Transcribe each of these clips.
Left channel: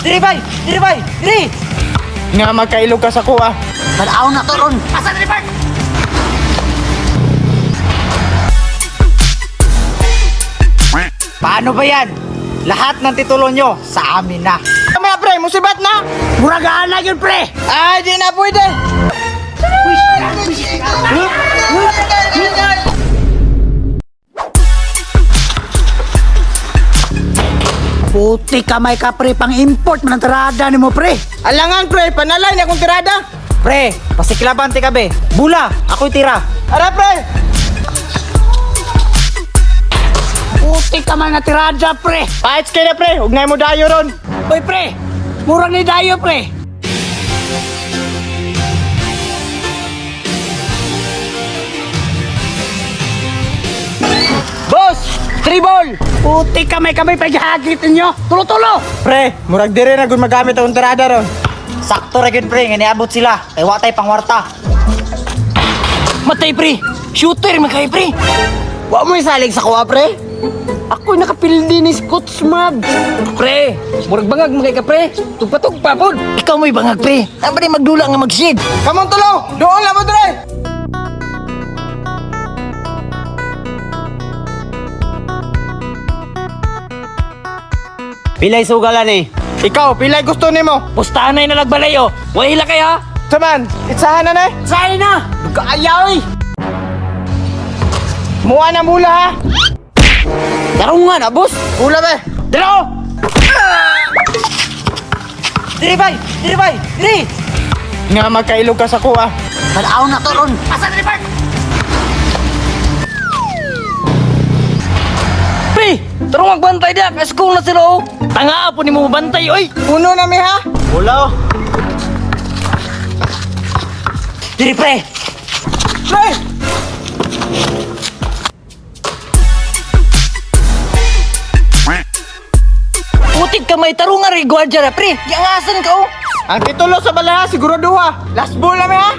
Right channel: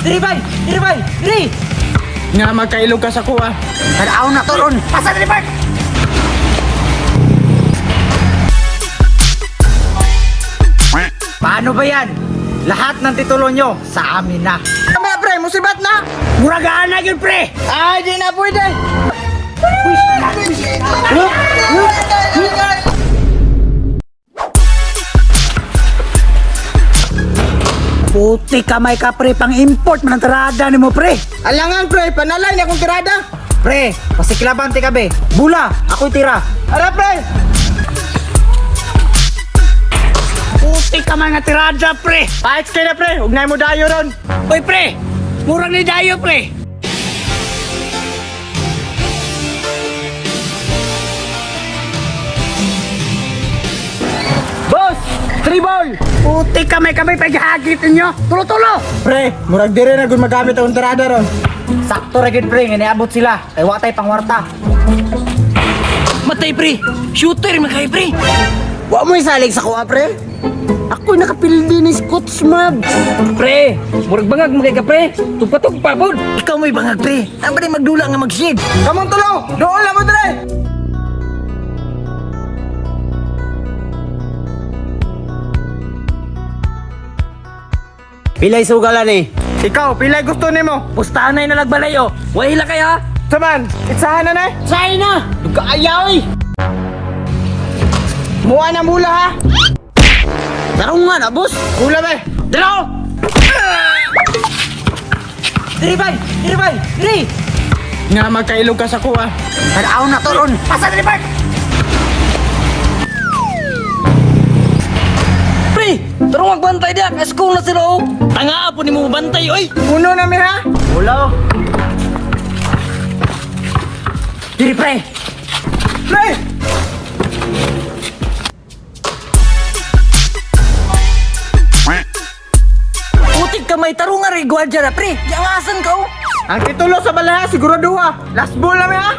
Diri bay, diri. Nga magkailog ka sa kuha. Tanaw na to ron. Asa diri bay? Paano ba yan? Lahat ng titulo nyo sa amin na. Mamaya pre, musibat na. Muragaan na yun, pre! Ay, di na pwede. Puti kamay ka, pre, pang import man ang tirada ni mo, pre. Alangan pre, panalay na akong tirada. Pre, pasiklabante ka, be. Bula, ako'y tira. Ara pre. Puti kamay nga tirada, pre. Paits kayo na pre, huwag na mo dayo ron. Hoy, pre, murang ni dayo, pre. Boss, 3 ball. Puti kamay paghahagitin nyo. Tulo-tulo. Pre, murag dire na kung magamit akong tirada ron. Sakto ra gyud, pre, nga niabot sila. Kay watay pangwarta. Matay, pre. Shooter makay, pre. Wa mo isalig sa kuha, pre. Ako'y nakapildi ni Scotch Mab. Pre, murag bangag magay ka, pre. Tugpa-tugpa pod. Ikaw mo'y bangag, pre. Ang ba magdula nga mag-shig? Kamong tulo, doon lang mo dire. Pilay sugalan eh. Ikaw, pilay gusto nimo. Pustahan na yung nalagbalayo. Wahila kayo, ha? Saman, itsahan na na eh. Sa'yo na. Duga ayaw, eh. Muha na mula ha. Karong nga na, boss. Mula be. Dalaw! Diri bay! Diri! Nga magkailog ka sa kuha. Tanaw na to ron. Asa diri bay? Pre! Tarong magbantay diya. Kasi kung na sila, oh. Tanga po ni mo bantay, oy. Puno na mi ha. Wala. Diri, pre! Pre! Putik ka may tarungan rin, gwardiya na, pre. Yangasan ka, oh. Ang titulo sa balaya, siguro duha. Last ball na mi ha.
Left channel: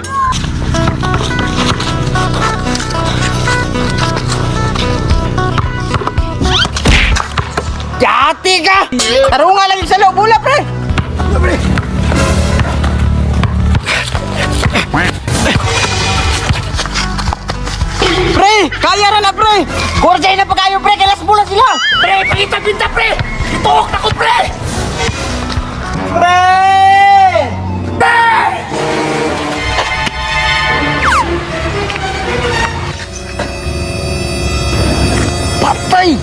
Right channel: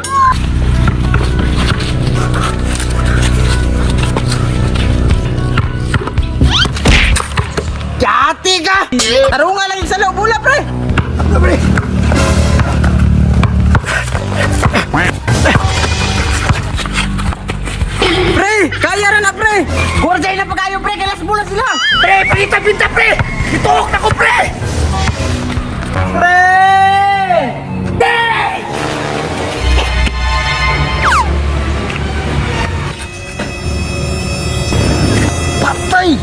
Yati ka! Tarunga lang yung sa loob, bula pre! Ano pre? Pre! Kaya na na pre! Gwardiya na pa kayo, pre. Kailas mula sila. Pre, pagita-pinta, pre. Tuok na ko, pre. Pre! Patay!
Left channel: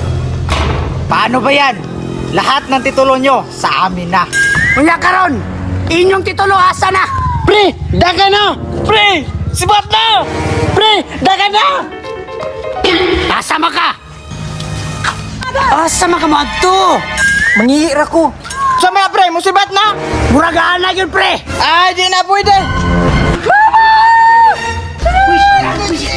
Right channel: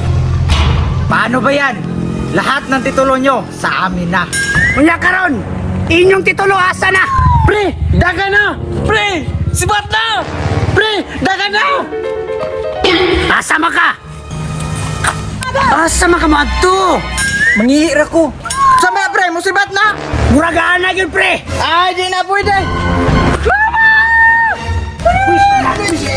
Paano ba yan? Lahat ng titulo nyo sa amin na. Kuya karon, inyong titulo asa na? Pre! Daga na! Pre! Sibat na! Pre! Daga na! Asama ka! Asama ka mo adto! Mangihira ko! Sama pre! Musibat na! Muragaan na yun, pre! Ay, di na pwede! Uy!